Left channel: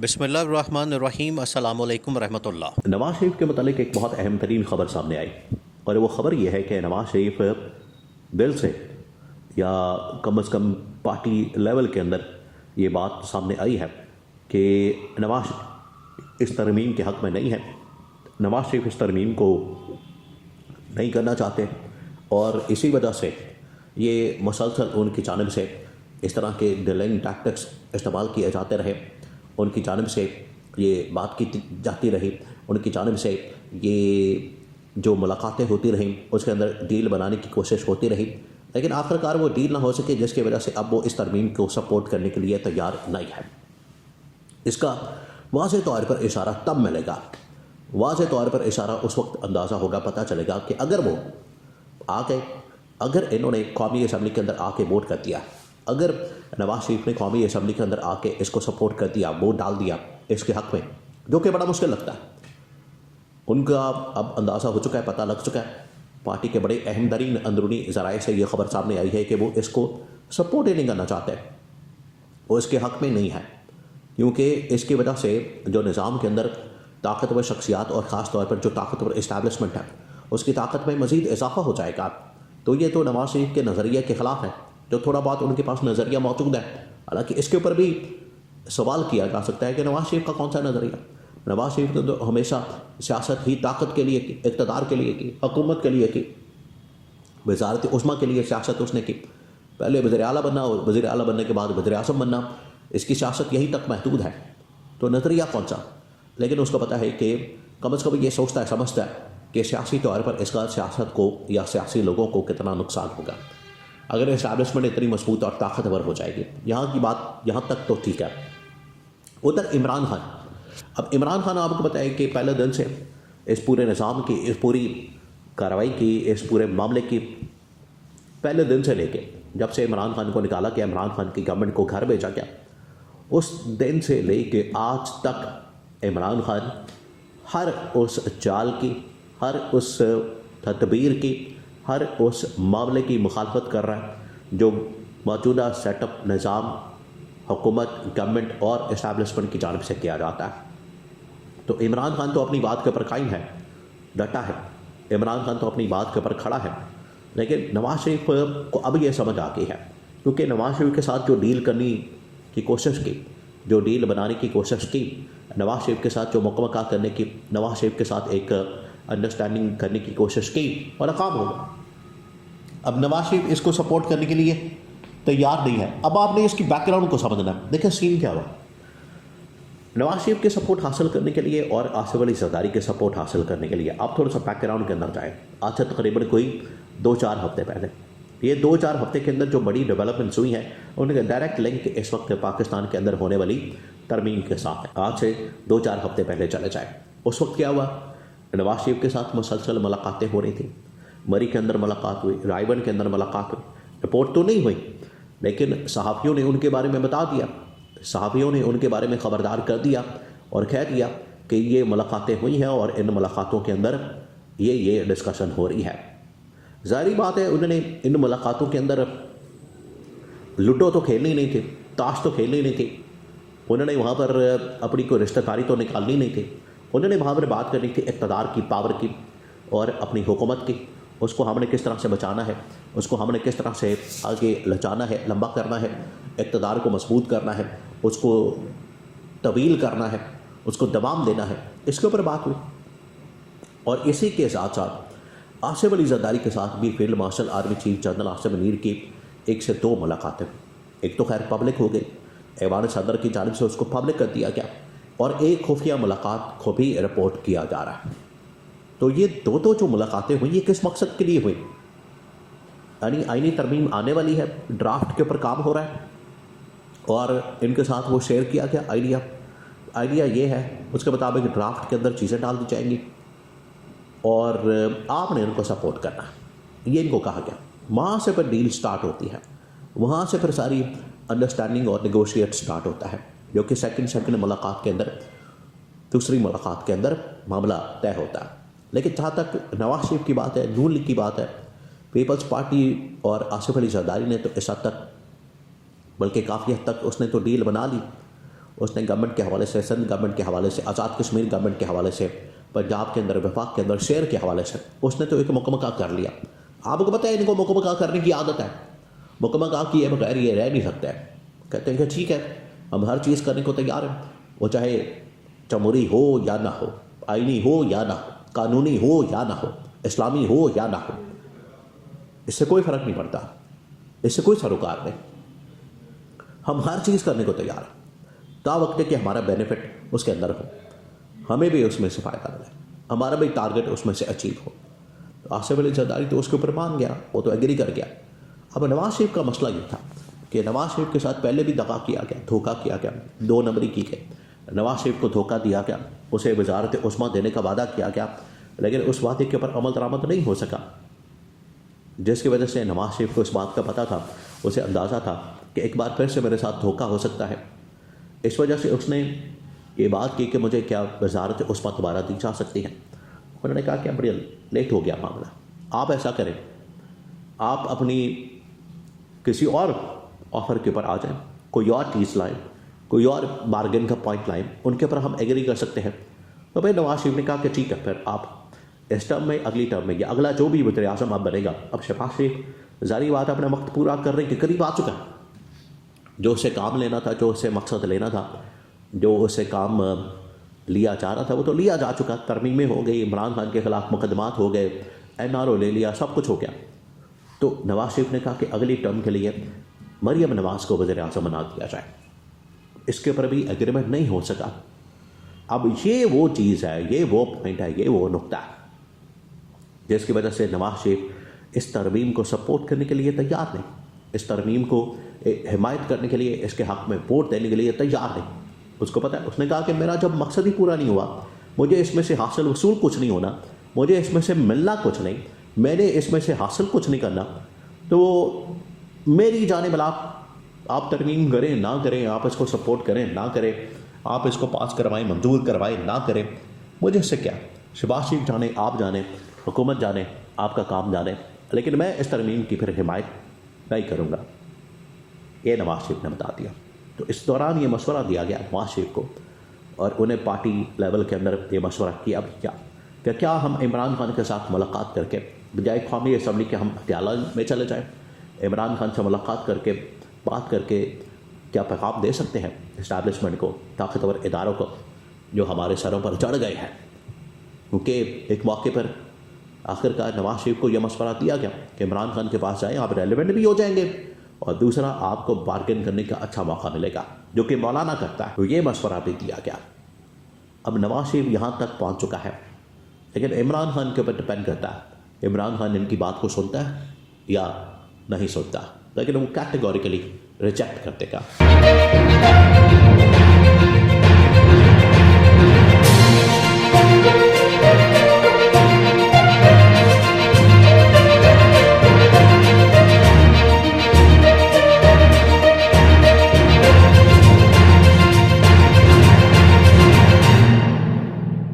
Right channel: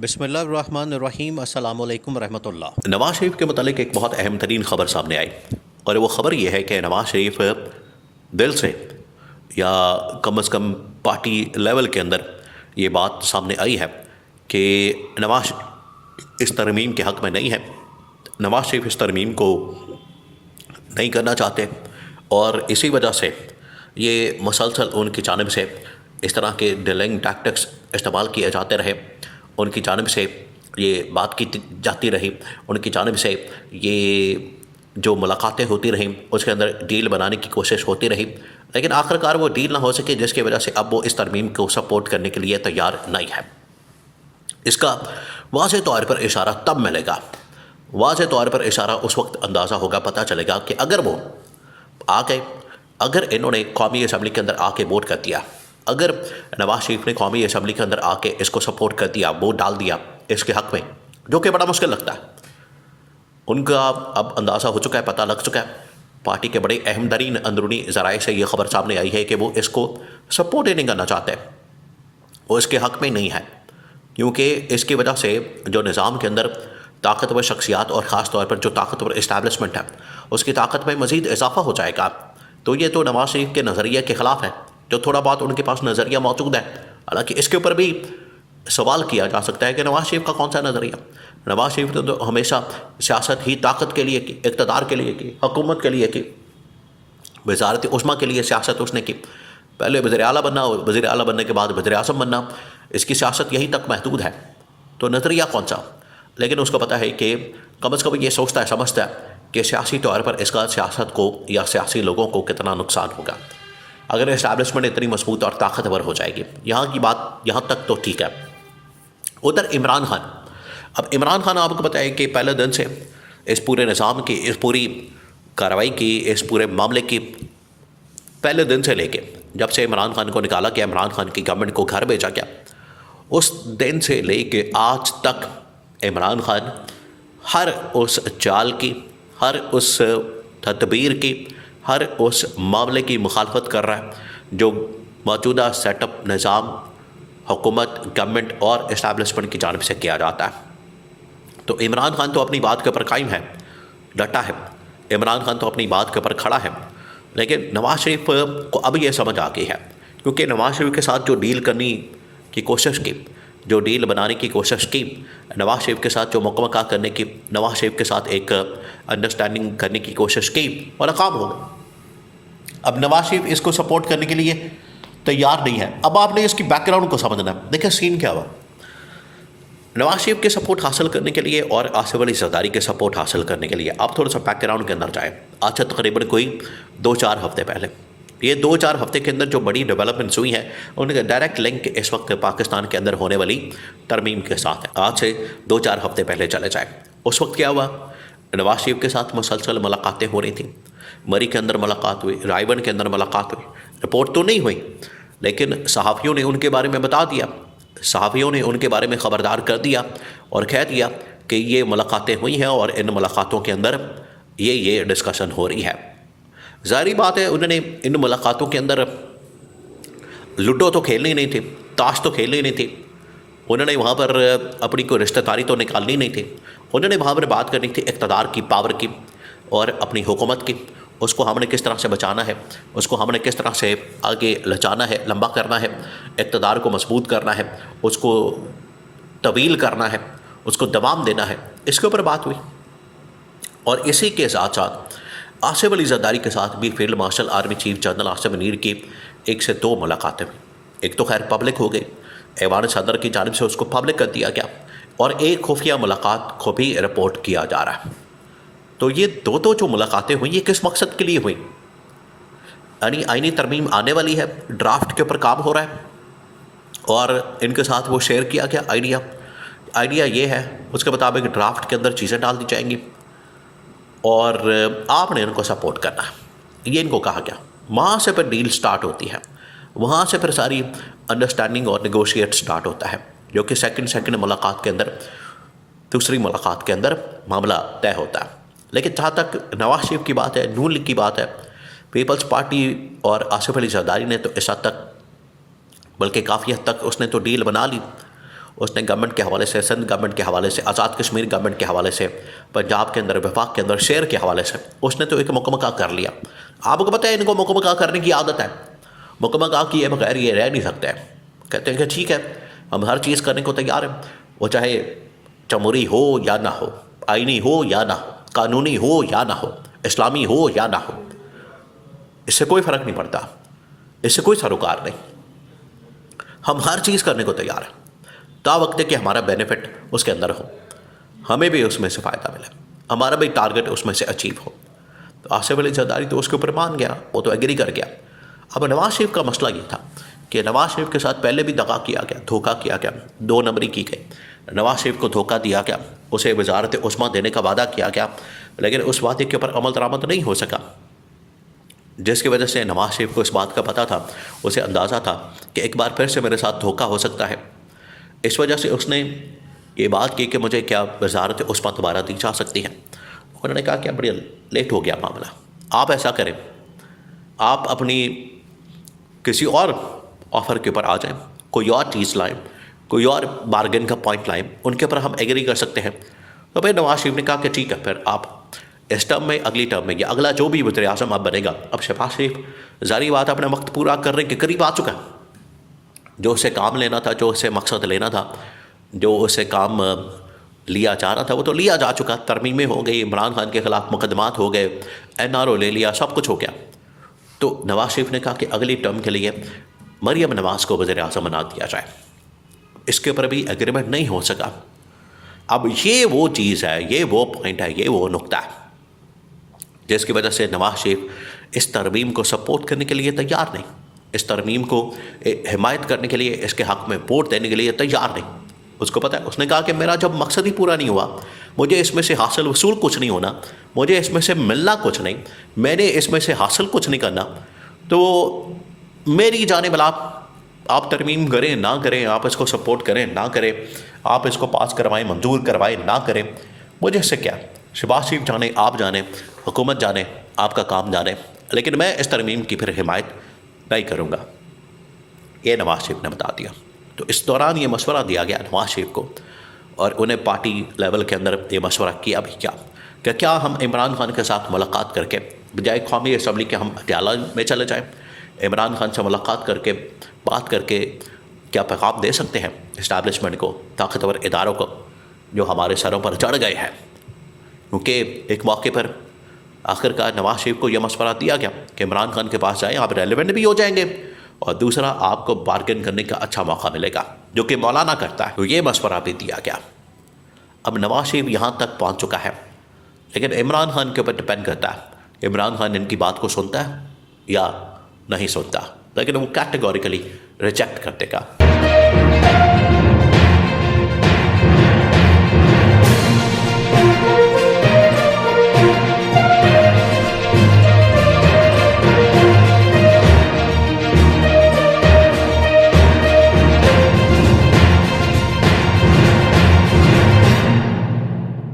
बिस्मिल्लाहिर्रहमानिर्रहीम अस्सलामु अलैकुम रहमतुल्लाह। नवाज शरीफ के मतलब एक बहुत अहम तरीन खबर सामने आई और वो खबर ये है कि नवाज शरीफ दिल से या कम अज़ कम पार्टी लेवल के अंदर ये बात सामने आई है कि नवाज इस तरमीम के हक़ में नहीं है। नवाज शरीफ इस तरमीम को नहीं करना चाहते और इसी वजह से ये मुसलसल उनकी जानिब से इस तरह के डिलेइंग टैक्टिक्स इस्तेमाल किए जाते रहे। उनकी जानिब से ये बात की जाती रही, उनकी जानिब से ये जो मुलाकातें होती रहीं उसके अंदर डील बनाने की कोशिश होती रही, लेकिन आखिरकार वो डील ना हो सके, जिसकी वजह से अब वो इस तरमीम को सपोर्ट करने के लिए तैयार नहीं है। इसका वाज़ेह तौर पर इशारा तब मिलेगा, वाज़ेह तौर पर इशारा उस वक्त अंदाज़ा होगा, पता चलेगा कि अगर वो आ गए, अगर इन्होंने कौमी असम्बली के अंदर आके वोट कर दिया, अगर नवाज शरीफ ने कौमी असम्बली के अंदर आके इसको सपोर्ट कर दिया, वोट डाल दिया इसके हक़ में, जो कि बड़ा मुश्किल लगता है। उनका अब अंदाज़ा हो चुका है, पता लग चुका है। पार्टी के बड़े अहम तरीन अंदरूनी ज़राए से ये ख़बर सामने आई है कि वो इसको सपोर्ट ही नहीं करना चाहते, वो इसके हक़ में नहीं है, क्योंकि इसकी वजह से जो निज़ाम के अंदर ताकतवर शख्सियात और ख़ास तौर पर जो ताकतवर इस्टेब्लिशमेंट है उसकी ताकत में मज़ीद इजाफा हो जाएगा। तो ये तो नवाज शरीफ के नज़रिए के ख़िलाफ़ है, जो थोड़ा बहुत उनके पास नज़रिया मौजूद है। हालांकि इसके ऊपर भी सवाल किया जा सकता है कि नवाज शरीफ का कौन सा नज़रिया। नवाज शरीफ ने तो हमेशा सियासत ही ताकत के लिए की, इक़्तिदार के लिए की, हुकूमत के लिए की, वज़ारत उस्मा के लिए सियासत उसने की। पहले वज़ीर आला बनना और वज़ीर आला बनने के बाद वज़ीर आज़म बनना, इसकी सियासत यहीं तक महदूद है। तो नज़रिया कौन सा, लेकिन उसको पता है कि कम अज़ कम ये सोचता है, समझता है कि सियासी तौर पर इसका सियासत को या सियासी लोगों को कितना नुकसान होगा अगर इस्टेब्लिशमेंट इतनी मजबूत और ताकतवर हो जाएगी। यहाँ की बात यहाँ तक तो ठीक है। उधर इमरान खान, अब इमरान खान आपको पता है कि पहले दिन से इस पूरे निज़ाम की, इस पूरी कार्रवाई की, इस पूरे मामले की पहले दिन से लेके जब से इमरान खान को निकाला गया, इमरान खान की गवर्नमेंट को घर भेजा गया, उस दिन से लेके आज तक इमरान खान हर उस चाल की, हर उस तदबीर की, हर उस मामले की मुखालफत कर रहा है जो मौजूदा सेटअप, निज़ाम, हुकूमत, गवर्नमेंट और इस्टेब्लिशमेंट की जानिब से किया जाता है। तो इमरान खान तो अपनी बात के ऊपर कायम है, डटा है, इमरान खान तो अपनी बात के ऊपर खड़ा है। लेकिन नवाज शरीफ को अब यह समझ आ गई है, क्योंकि नवाज शरीफ के साथ जो डील करने की कोशिश की, जो डील बनाने की कोशिश की, नवाज शरीफ के साथ जो मुकम्मल करने की, नवाज शरीफ के साथ एक अंडरस्टैंडिंग करने की कोशिश की, वो नाकाम हो गई। अब नवाज शरीफ इसको सपोर्ट करने के लिए तैयार नहीं है। अब आपने इसकी बैकग्राउंड को समझना है। देखिए सीन क्या हुआ। नवाज शरीफ के सपोर्ट हासिल करने के लिए और आसिफ अली जरदारी के सपोर्ट हासिल करने के लिए आप थोड़ा सा बैकग्राउंड के अंदर जाएँ। आज से तकरीबन कोई 2-4 हफ्ते पहले, ये 2-4 हफ्ते के अंदर जो बड़ी डेवलपमेंट्स हुई हैं उनका डायरेक्ट लिंक इस वक्त पाकिस्तान के अंदर होने वाली तरमीम के साथ है। आज से 2-4 हफ्ते पहले चले जाए, उस वक्त क्या हुआ, नवाज शरीफ के साथ मुसलसल मुलाकातें हो रही थी। मरी के अंदर मुलाकात हुई, रायबन के अंदर मुलाकात हुई, रिपोर्ट तो नहीं हुई, लेकिन सहाफ़ियों ने उनके बारे में बता दिया, सहाफ़ियों ने उनके बारे में ख़बरदार कर दिया और कह दिया कि ये मुलाकातें हुई हैं और इन मुलाकातों के अंदर ये डिस्कशन हो रही है। ज़ाहिर बात है उन्होंने इन मुलाकातों के अंदर लूडो तो खेलनी नहीं थी, ताश तो खेलनी नहीं थी, उन्होंने वहाँ पर अपनी कोई रिश्तेदारी तो निकालनी नहीं थी। उन्होंने वहाँ पर बात करनी थी इक़्तिदार की, पावर की और अपनी हुकूमत की। उसको हमने किस तरह से बचाना है, उसको हमने किस तरह से आगे लचाना है, लंबा करना है, इक़्तिदार को मजबूत करना है, उसको तवील करना है, उसको दवाम देना है। इसके ऊपर बात हुई। और इसी के साथ साथ आसिफ अली जरदारी के साथ भी field marshal army chief general Asim Munir की 1 से 2 मुलाकातें हुई। एक तो खैर पब्लिक हो गई, ऐवान सदर की जानिब से उसको पब्लिक कर दिया गया, और एक खुफिया मुलाकात को भी रिपोर्ट किया जा रहा है। तो ये दो जो मुलाकातें हुई, ये किस मकसद के लिए हुई? यानी आईनी तरमीम आने वाली है, ड्राफ्ट के ऊपर काम हो रहा है और इनके साथ वो शेयर किया गया आइडिया ये है, उसके मुताबिक ड्राफ्ट के अंदर चीज़ें डाल दी जाएंगी और आपने इनको सपोर्ट करना है, ये इनको कहा गया। वहाँ से फिर डील स्टार्ट होती है, वहाँ से फिर सारी अंडरस्टैंडिंग और नेगोशिएट स्टार्ट होता है, जो कि सेकंड मुलाकात के अंदर, दूसरी मुलाकात के अंदर मामला तय होता है। लेकिन जहाँ तक नवाज शरीफ की बात है, नून लीग की बात है, पीपल्स पार्टी और आसिफ अली जरदारी ने तो इस हद तक, बल्कि काफ़ी हद तक उसने तो डील बना ली। उसने गवर्नमेंट के हवाले से, सिंध गवर्नमेंट के हवाले से, आज़ाद कश्मीर गवर्नमेंट के हवाले से, पंजाब के अंदर, वफाक के अंदर शेयर के हवाले से उसने तो एक मुकम्मल कर लिया। आपको पता है इनको मुकम्मल करने की आदत है, मुकम्मल किए बगैर ये रह नहीं सकते हैं। कहते हैं कि ठीक है हम हर चीज़ करने को तैयार हैं, वो चाहे जमहूरी हो या ना हो, आइनी हो या ना हो, कानूनी हो या ना हो, इस्लामी हो या ना हो, इससे कोई फ़र्क नहीं पड़ता, इससे कोई सरोकार नहीं। हम हर चीज़ करने को तैयार हैं ता वक्त है कि हमारा बेनिफिट उसके अंदर हो, हमें भी उसमें से फ़ायदा मिले, हमारा भी टारगेट उसमें से अचीव हो। तो आसिफ अली जरदारी तो उसके ऊपर मान गया, वो तो एग्री कर गया। अब नवाज शरीफ का मसला ये था कि नवाज शरीफ के साथ पहले भी दगा किया गया, धोखा किया गया, 2 नंबरी की गई। नवाज शरीफ को धोखा दिया गया, उसे वजारत उस्मा देने का वादा किया गया, लेकिन उस वादे के ऊपर अमल दरामद नहीं हो सका, जिसकी वजह से नवाज शरीफ को इस बात का पता था, उसे अंदाज़ा था कि एक बार फिर से मेरे साथ धोखा हो सकता है। इस वजह से उसने ये बात की कि मुझे क्या वजारत उस्मा दोबारा दी जा सकती है। उन्होंने कहा कि बड़ी लेट हो गया मामला, आप ऐसा करें, आप अपनी किसी और ऑफ़र के ऊपर आ जाएं, कोई और चीज़ लाएं, कोई और बार्गेन का पॉइंट लाएं, उनके ऊपर हम एग्री कर सकते हैं। तो भाई नवाज शरीफ ने कहा कि ठीक है, फिर आप इस टर्म में, अगली टर्म में, या अगला जो भी वज़ीर आज़म अब बनेगा, अब शहबाज शरीफ ज़ाहिर बात अपना वक्त पूरा करने के करीब आ चुका है। जो उसे काम लेना था, जो उसे मकसद लेना था, जो उसे काम लिया जा रहा था, वो तो लिया जा चुका। तरमीमें हो गई, इमरान खान के ख़िलाफ़ मुकदमात हो गए, NRO ले लिया, सब कुछ हो गया। तो नवाज शरीफ ने कहा कि अगली टर्म के लिए मरियम नवाज़ को वज़ीर आज़म बना दिया जाए। इसके ऊपर भी एग्रीमेंट नहीं हो सका। अब ये वो चीज़ है, ये वो पॉइंट है, ये वो नुक्ता है जिसकी वजह से नवाज शरीफ इस तरमीम को सपोर्ट करने के लिए तैयार नहीं, इस तरमीम को हिमायत करने के लिए, इसके हक़ में वोट देने के लिए तैयार नहीं। उसको पता है, उसने कहा कि मेरा जब मकसद ही पूरा नहीं हुआ, मुझे इसमें से हासिल वसूल कुछ नहीं होना, मुझे इसमें से मिलना कुछ नहीं, मैंने इसमें से हासिल कुछ नहीं करना, तो मेरी जानिब आप तरमीम करें ना करें, आप इसको सपोर्ट करें ना करें, आप इसको पास करवाएं, मंजूर करवाएं ना करें, मुझे इससे क्या। शहबाज शरीफ जाने, आप जाने, हुकूमत जाने, आपका काम जाने, लेकिन मैं इस तरमीम की फिर हिमायत नहीं करूँगा, ये नवाज शरीफ ने बता दिया। तो इस दौरान ये मशवरा दिया गया नवाज शरीफ को, और उन्हें पार्टी लेवल के अंदर ये मशवरा किया भी क्या हम इमरान खान के साथ मुलाकात करके बजाय कौमी असम्बली के हम पटियाला में चले जाएं, इमरान खान से मुलाकात करके बात करके क्या पैगाम दे सकते हैं इस्टेब्लिशमेंट को, ताकतवर इदारों को जो हमारे सरों पर चढ़ गए हैं। क्योंकि एक मौके पर आखिरकार नवाज शरीफ को यह मशवरा दिया गया कि इमरान खान के पास जाएं, आप रेलिवेंट भी हो जाएंगे, और दूसरा आपको बार्गेन करने का अच्छा मौका मिलेगा, जो कि मौलाना करता है। तो ये मशवरा भी दिया गया। अब नवाज शरीफ यहाँ तक पहुँच चुका है, लेकिन इमरान खान के ऊपर डिपेंड करता है इमरान खान इनकी बात को सुनता है या नहीं सुनता, लेकिन वो कैटेगोरिकली रिजेक्ट कर देगा।